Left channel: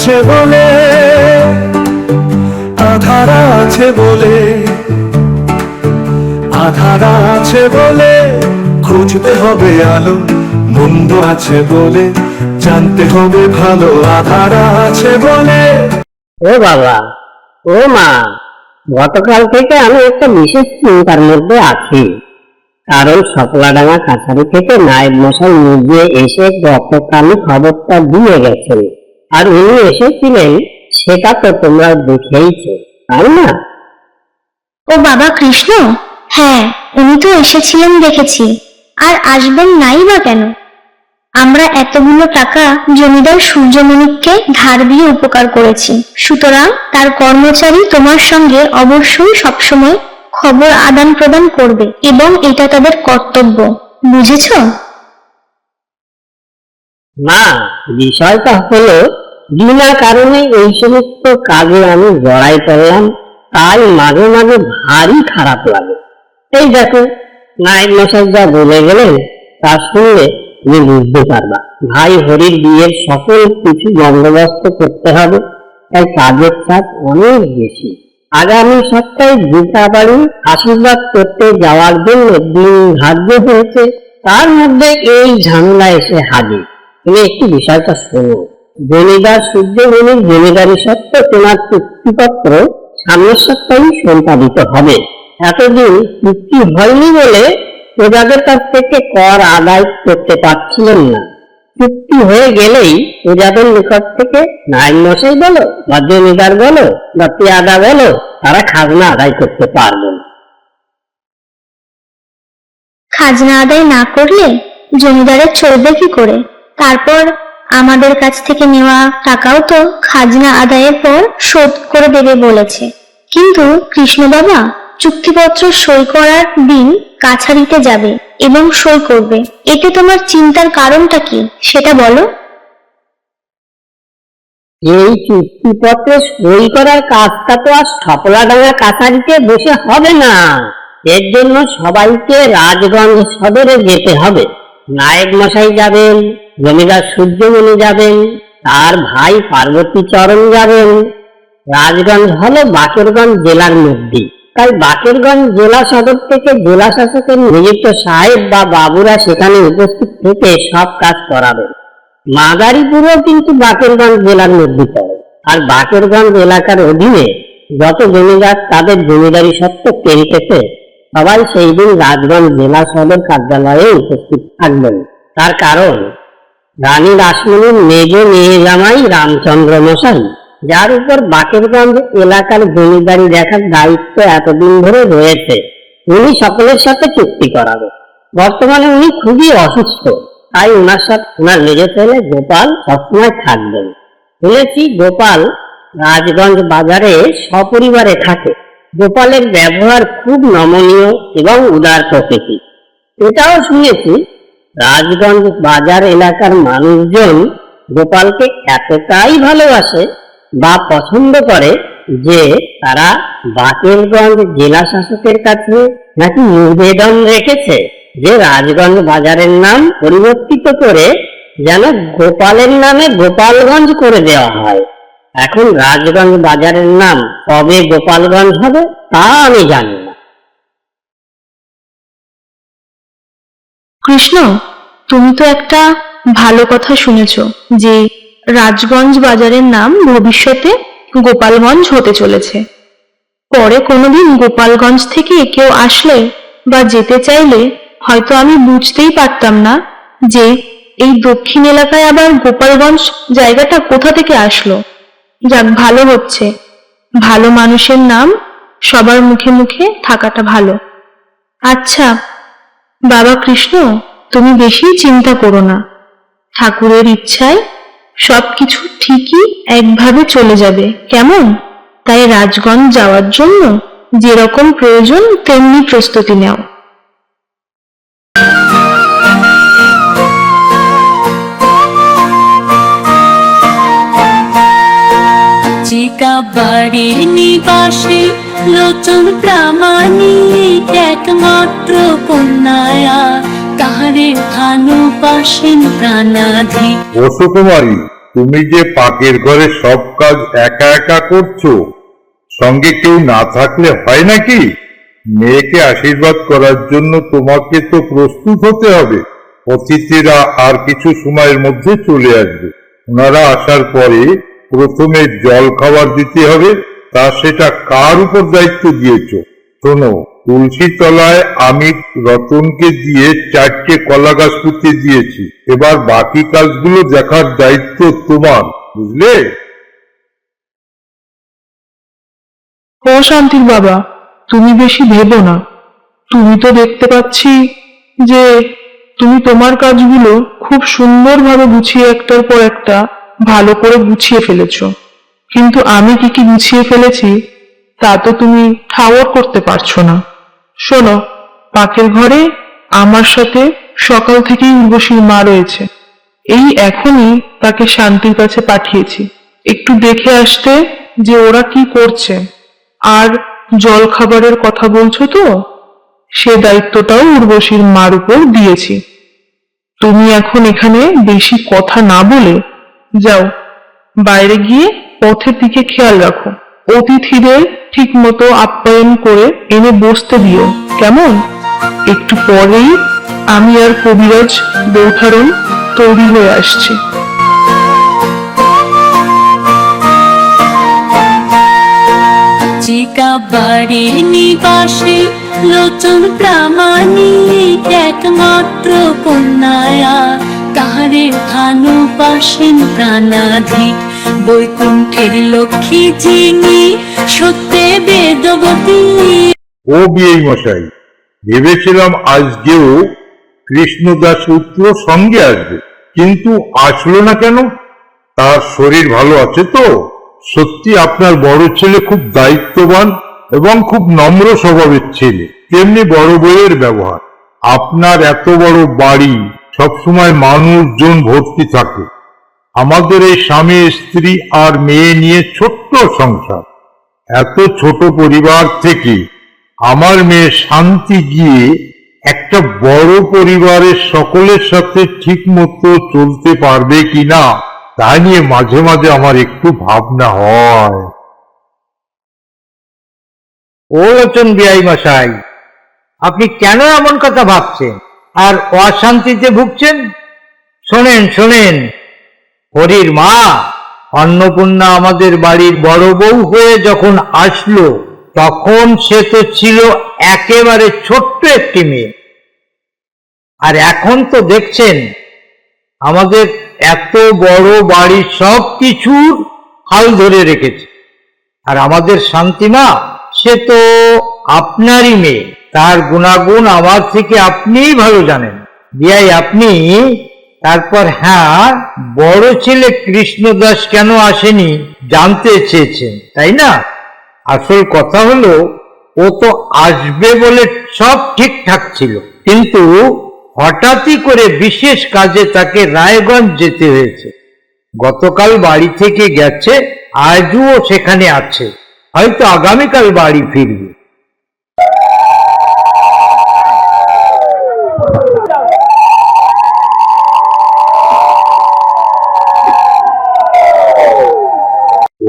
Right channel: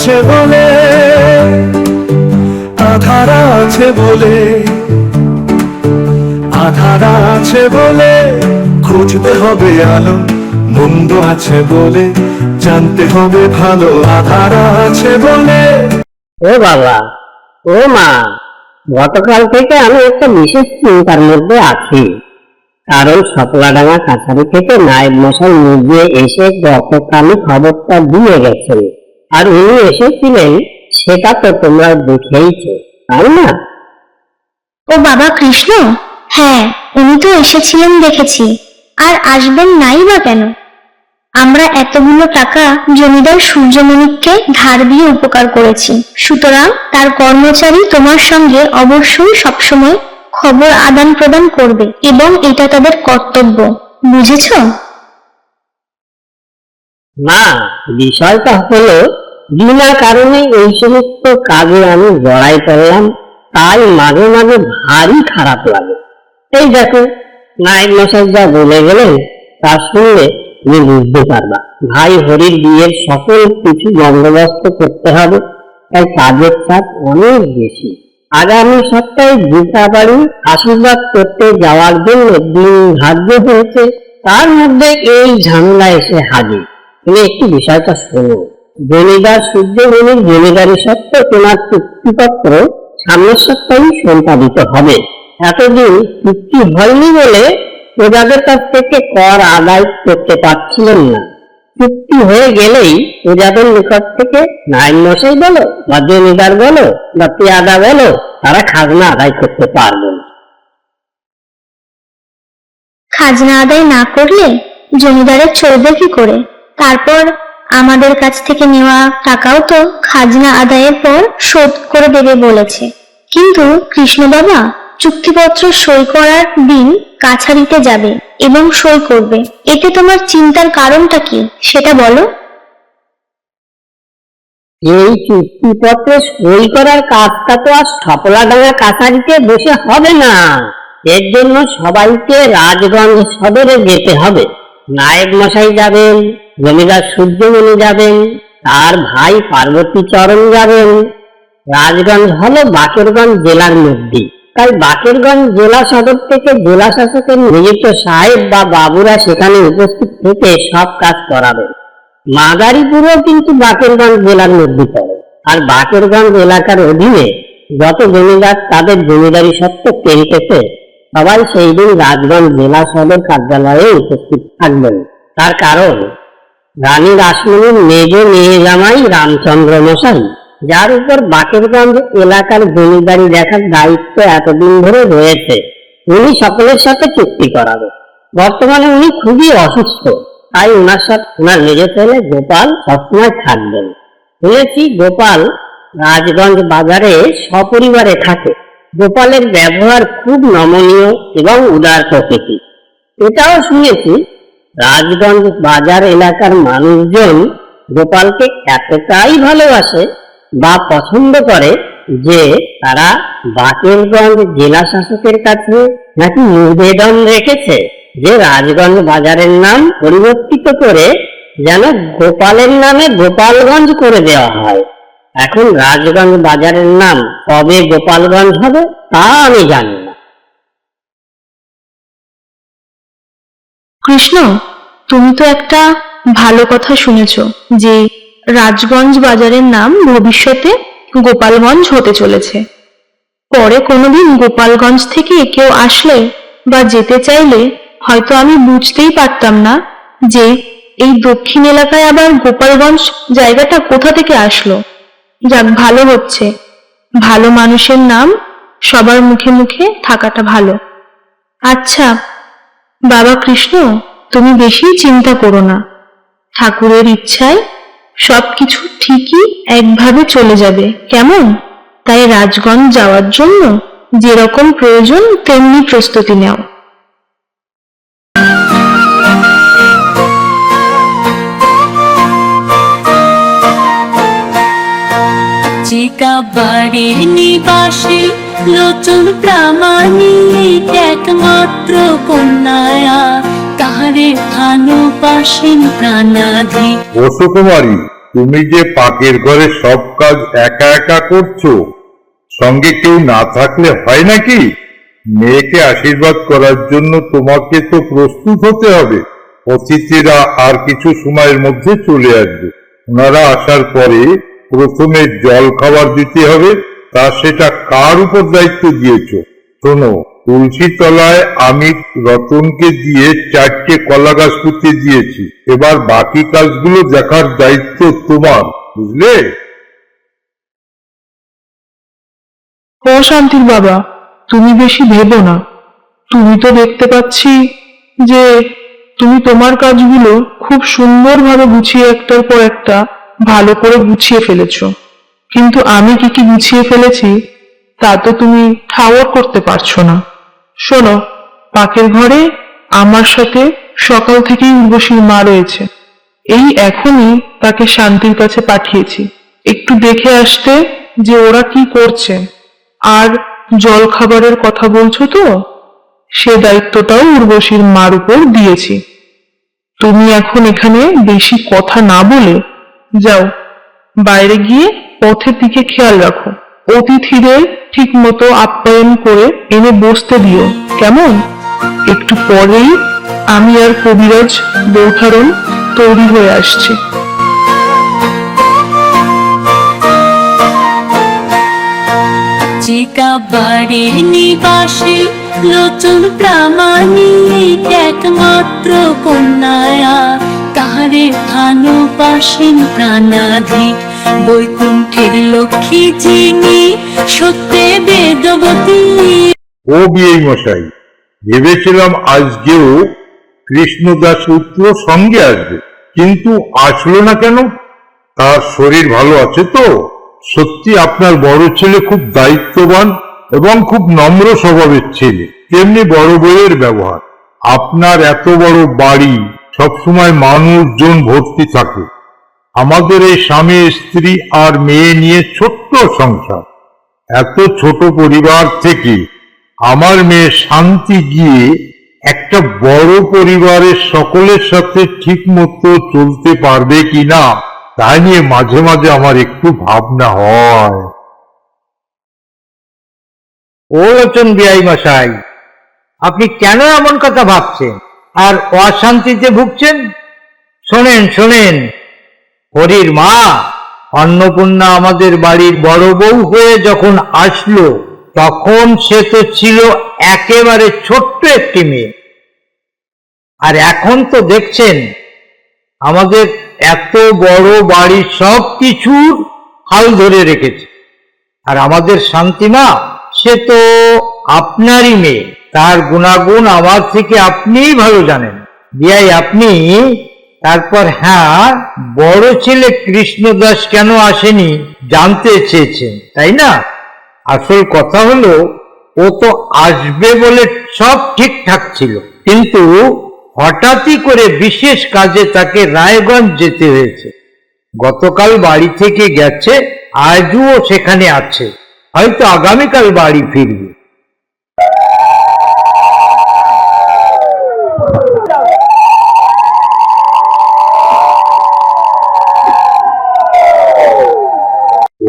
আছে বলে, আধারা আছে বলে, আধারা আছে বলে, খুঁজতে হবে আলো, মন্দ আছে বলে, জানতে হবে ভালো, আধারা আছে বলে। ও বাবা, ও মা, গতকাল থেকে আমি একটা বিশেষ চিন্তার মধ্যে আছি। কারণ সকলাডাঙ্গা কাছারি থেকে নায়েব মশাই নিজে এসে গতকালই খবরটা দিয়ে গেছেন। আর উনি এসেছিলেন সেটা তো তোমরা দেখেইছো তাই না? ও বাবা কৃষ্ণ? হ্যাঁ উনি তো এসেছিলেন দেখেছি। আর আসবেন নাই বা কেন? আমরা এতগুলো টাকা জমিদার সূর্যমণিককে ধার দিয়ে উপকার করেছি। সুতরাং তার কর্মচারী তোমার সঙ্গে অবশ্যই সবসময় খবর আদান প্রদান করবে এবং এটা তাদের কর্তব্য। বুঝেছ? না, বিষয়টা হলো, বিনা কারণে এই সমস্ত কাজে আমি জড়াই পড়লাম। তাই মাঝে মাঝে ভারী খারাপ লাগে। এই দেখো নায়ক মশাই যা বলে গেলেন, তার সঙ্গে তুমি বুঝতে পারবা। ভাই হরির বিয়ের সকল কিছু বন্দোবস্ত করতে হবে, তাই কাজের চাপ অনেক বেশি। আগামী সপ্তাহে গীতা বাড়ি আশীর্বাদ করতে যাওয়ার জন্য দিন ধার্য হয়েছে, তার মধ্যে এই ঝামেলা এসে হাজির। তুমি একটি বিষয়টা শোনো জমিদার সূর্যমণির জমিদারি সত্ত্ব তোলার চুক্তিপত্র সামনের সপ্তাহে সম্পাদিত হবে। এতদিন চুক্তি হয়নি বলে প্রজাদের কাছ থেকে কর আদায় করতে পারছিলেন না। চুক্তি হয়ে গেলেই প্রজাদের নিকট থেকে নাইন মশাই বলো, বা জমিদার বলো, বা পেয়াদা বলো, তারা খাজনা আদায় করতে পারবে না। খাজনা আদায় না করলে জমিদারের চলবে কি করে? তারপর আমাদের কাছ থেকে নেওয়া টাকাও তো খাজনা আদায়ের পর শোধ করে দেবে বলেছে। কিন্তু কৃষ্ণ বাবা চুক্তিপত্র সই করার দিন কাছারিতে যাবে এবং সই করবে। এতে তোমার চিন্তার কারণটা কি, সেটা বলো। এই চুক্তিপত্রে সই করার কাজটা তো আর সপলাডাঙ্গা কাছারিতে বসে হবে না। এর জন্য সবাইকে রাজগঞ্জ সদরে যেতে হবে। নায়েব মশাই যাবেন। জমিদার সূর্যমণি যাবেন, তার ভাই পার্বতী চরণ যাবেন। রাজগঞ্জ হলো বাকেরগঞ্জ জেলার মধ্যে। তাই বাকেরগঞ্জ জেলা সদর থেকে জেলা শাসকের নিযুক্ত সাহেব বা বাবুরা সেখানে উপস্থিত থেকে সব কাজ করাবে। মাদারীপুরও কিন্তু বাকেরগঞ্জ জেলার মধ্যে পড়ে। আর বাকেরগঞ্জ এলাকার অধীনে যত জমিদার, তাদের জমিদারি সত্ত্ব পেরিতেছে সবাই সেই দিন রাজগঞ্জ জেলা সদর কার্যালয়ে উপস্থিত থাকবেন। তার কারণ রানী রাসমণির মেজ মেয়ে জামাই রামচন্দ্র মশাই, যার উপর বাকেরগঞ্জ এলাকার জমিদারি দেখার দায়িত্ব এতদিন ধরে রয়েছে, উনি সকলের সাথে চুক্তি করাবে। বর্তমানে উনি খুবই অসুস্থ, তাই ওনার সাথে ওনার মেজে ছেলে গোপাল সবসময় থাকবেন। শুনেছি গোপাল রাজগঞ্জ বাজারে সপরিবারে থাকে। গোপালের ব্যবহার খুব নমনীয় এবং উদার প্রকৃতি এটাও শুনেছি রাজগঞ্জ বাজার এলাকার মানুষজন গোপালকে এতটাই ভালোবাসে বা পছন্দ করে যে তারা বাকেরগঞ্জ জেলা শাসকের কাছে নাকি নিবেদন রেখেছে যে রাজগঞ্জ বাজারের নাম পরিবর্তিত করে যেন গোপালের নামে গোপালগঞ্জ করে দেওয়া হয়। এখন রাজগঞ্জ বাজারের নাম কবে গোপালগঞ্জ হবে তা আমি জানি না। কৃষ্ণ তুমি তো একটা ভালো কথা শুনেছ যে রাজগঞ্জ বাজারের নাম ভবিষ্যতে গোপালগঞ্জ হতে চলেছে। পরে কোনোদিন গোপালগঞ্জ থেকে কেউ আসলে বা যেতে চাইলে হয়তো আমি বুঝতেই পারতাম না যে এই দক্ষিণ এলাকায় আবার গোপালগঞ্জ জায়গাটা কোথা থেকে আসলো। যাক, ভালো হচ্ছে। ভালো মানুষের নাম সবার মুখে মুখে থাকাটা ভালো। আচ্ছা বাবা কৃষ্ণ তুমি বেশি চিন্তা করো না। ঠাকুরের ইচ্ছায় সবকিছু ঠিকই একভাবে চলে যাবে। কেমন? তাই রাজগঞ্জ যাওয়ার জন্য যেরকম প্রয়োজন, তেমনি প্রস্তুতি নাও। চিকা বাড়ির নিবাসী লোচন প্রামাণিক একমাত্র কন্যায়া। তাহারে ভালোবাসেন প্রাণাধি। রসকুমারী তুমি যে পাকের ঘরে সব কাজ একা একা করছ, সঙ্গে কেউ না থাকলে হয় নাকি? মেয়েকে আশীর্বাদ করার জন্য তোমাকে তো প্রস্তুত হতে হবে। অতিথিরা আর কিছু সময়ের মধ্যে চলে আসবে। ওনারা আসার পরে প্রথমে জল খাবার দিতে হবে, তা সেটা কার উপর দায়িত্ব দিয়েছ? শোনো, তুলসী তলায় আমি রতনকে দিয়ে চারটে কলা গাছ পুঁতে দিয়েছি। এবার বাকি কাজগুলো দেখার দায়িত্ব তোমার, বুঝলে? হ্যাঁ শান্তির বাবা, তুমি বেশি ভেবো না। তুমি তো দেখতে পাচ্ছি যে তুমি তোমার কাজগুলো খুব সুন্দরভাবে গুছিয়ে একটার পর একটা ভালো করে গুছিয়ে ফেলেছো। কিন্তু আমি কি কি গুছিয়ে ফেলেছি তা তো তুমি ঠাওর করতে পারছ না। শোনো পাকের ঘরে আমার সাথে সকাল থেকেই উর্বশীর মা রয়েছে। এই এখনই তাকে শান্তির কাছে পাঠিয়েছি। একটু দেখে আসতে যে ওরা কি করছে। আর জল খাবারের কথা বলছো তো? সে দায়িত্বটাও উর্বশীর মার উপর দিয়েছি। তুমি এখন এখানে বেশি কথা না বলে যাও, বাইরে গিয়ে পথের দিকে খেয়াল রাখো। অতিথিদের ঠিক মতো আপ্যায়ন করে এনে বসতে দিও। কেমন? একটু পরেই আমি আর কবিরাজ বৈঠারণ তৈরি হয়ে আসছি। চিকা বাড়ির নিবাসী লোচন প্রামাণিক একমাত্র কন্যায়া। তাহারে ভালোবাসেন প্রাণাধিক বৈকুণ্ঠের লক্ষ্মী যিনি সত্যে বেদবতী। ও মশাই, ভেবেছিলাম আজকেও কৃষ্ণদাস পুত্র সঙ্গে আসবে, কিন্তু আসলো না কেন? তার শরীর ভালো আছে তো? সত্যি আপনার বড় ছেলে খুব দায়িত্ববান এবং খুব নম্র স্বভাবের ছেলে। তেমনি বড় বইয়ের ব্যবহার। আপনার এত বড় বাড়ি সবসময় মানুষজন ভর্তি থাকে। আমাদের এই স্বামী, স্ত্রী আর মেয়ে নিয়ে ছোট্ট সংসার। এত ছোট পরিবার থেকে আমার মেয়ে শান্তি গিয়ে একটা বড় পরিবারের সকলের সাথে ঠিক মতো চলতে পারবে কিনা, তা নিয়ে মাঝে মাঝে আমার একটু ভাবনা হয়। ও লোচন বিআই মশাই, আপনি কেন এমন কথা ভাবছেন? আর অশান্তিতে ভুগছেন? শোনেন শোনেন হরির মা, অন্নপূর্ণা আমাদের বাড়ির বড় বউ হয়ে যখন আসলো, তখন সে তো ছিল একেবারে ছোট্ট একটি মেয়ে। আর এখন তো দেখছেন, আমাদের এত বড় বাড়ির সব কিছুর হাল ধরে রেখেছে। আর আমাদের শান্তিমা, সে তো আপনারই মেয়ে, তার গুণাগুণ আমার থেকে আপনিই ভালো জানেন। বিয়াই, আপনি তারপর হ্যাঁ বড় ছেলে কৃষ্ণদাস কেন আসেনি জানতে চেয়েছেন, তাই না? আসল কথা হলো, ও তো আসবে বলে সব ঠিকঠাক ছিল। কিন্তু হঠাৎই করে বিশেষ কাজে তাকে রায়গঞ্জ যেতে হয়েছে। গতকাল বাড়ি থেকে গেছে, আজও সেখানে আছে। হয়তো আগামীকাল বাড়ি ফিরবে।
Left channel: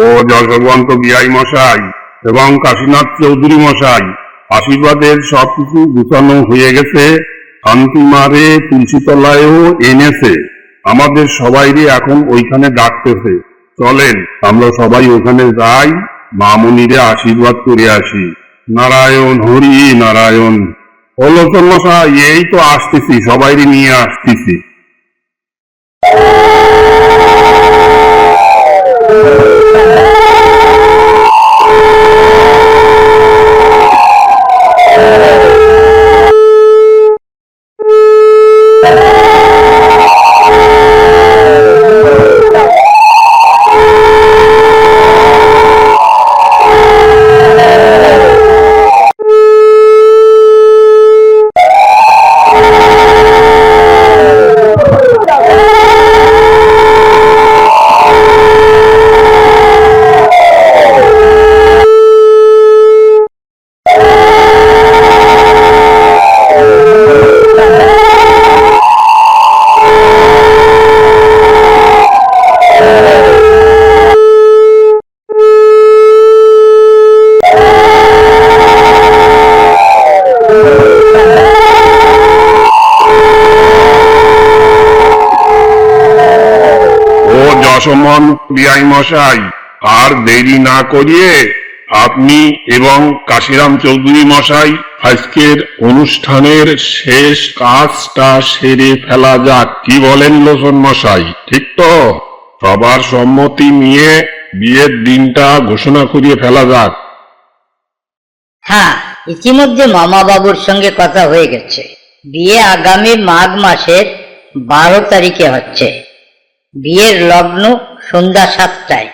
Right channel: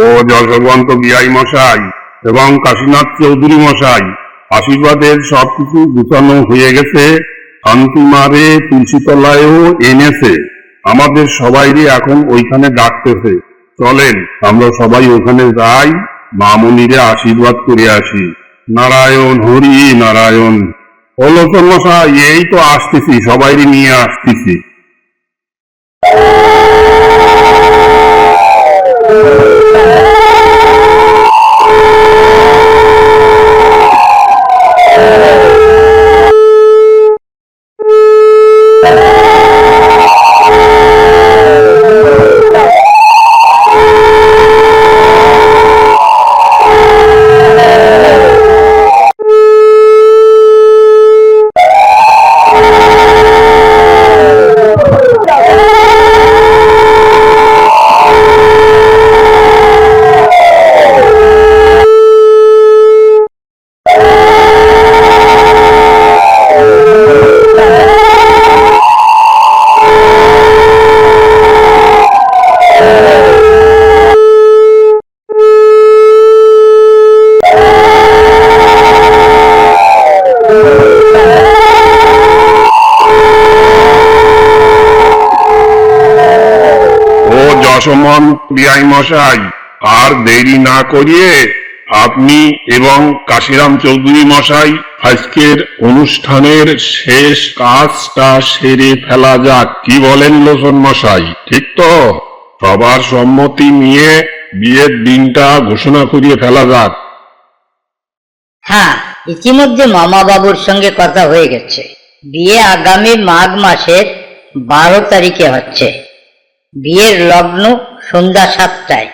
ও বিআই মশাই এবং কাশীনাথ চৌধুরী মশাই আশীর্বাদের সবকিছু গুছানো হয়ে গেছে। শান্তিমারে তুলসীতলায়ও এনেছে। আমাদের এখন ওইখানে ডাকতেছে। চলেন, আমরা সবাই ওখানে যাই। আশীর্বাদ করে আসি। নারায়ণ, হরি নারায়ণ। হলো তো মশাই, এই তো আসতেছি সবাই নিয়ে আসতেছি। Amén. মশাই আর দেরি না করিয়ে আপনি এবং কাশিরাম চৌধুরী মশাই আজকের অনুষ্ঠানের শেষ কাজটা সেরে ফেলা যাক। কি বলেন লোচন মশাই? ঠিক তো? সবার সম্মতি নিয়ে বিয়ের দিনটা ঘোষণা করিয়ে ফেলা যাক। হ্যাঁ ইতিমধ্যে মামা বাবুর সঙ্গে কথা হয়ে গেছে। বিয়ে আগামী মাঘ মাসের বারো তারিখে হচ্ছে। বিয়ের লগ্ন সন্ধ্যা সাতটায়।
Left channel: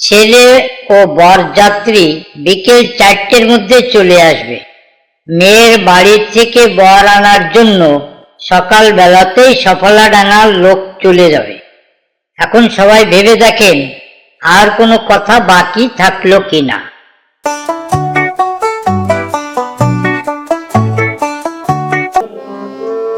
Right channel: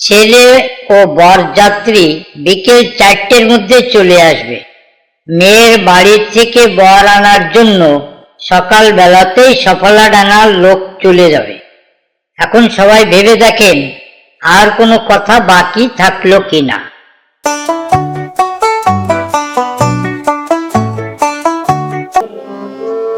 ছেলে ও বরযাত্রী বিকেল চারটের মধ্যে চলে আসবে। মেয়ের বাড়ি থেকে বর আনার জন্য সকাল বেলাতেই সফলা ডানার লোক চলে যাবে। এখন সবাই ভেবে দেখেন, আর কোনো কথা বাকি থাকল কিনা।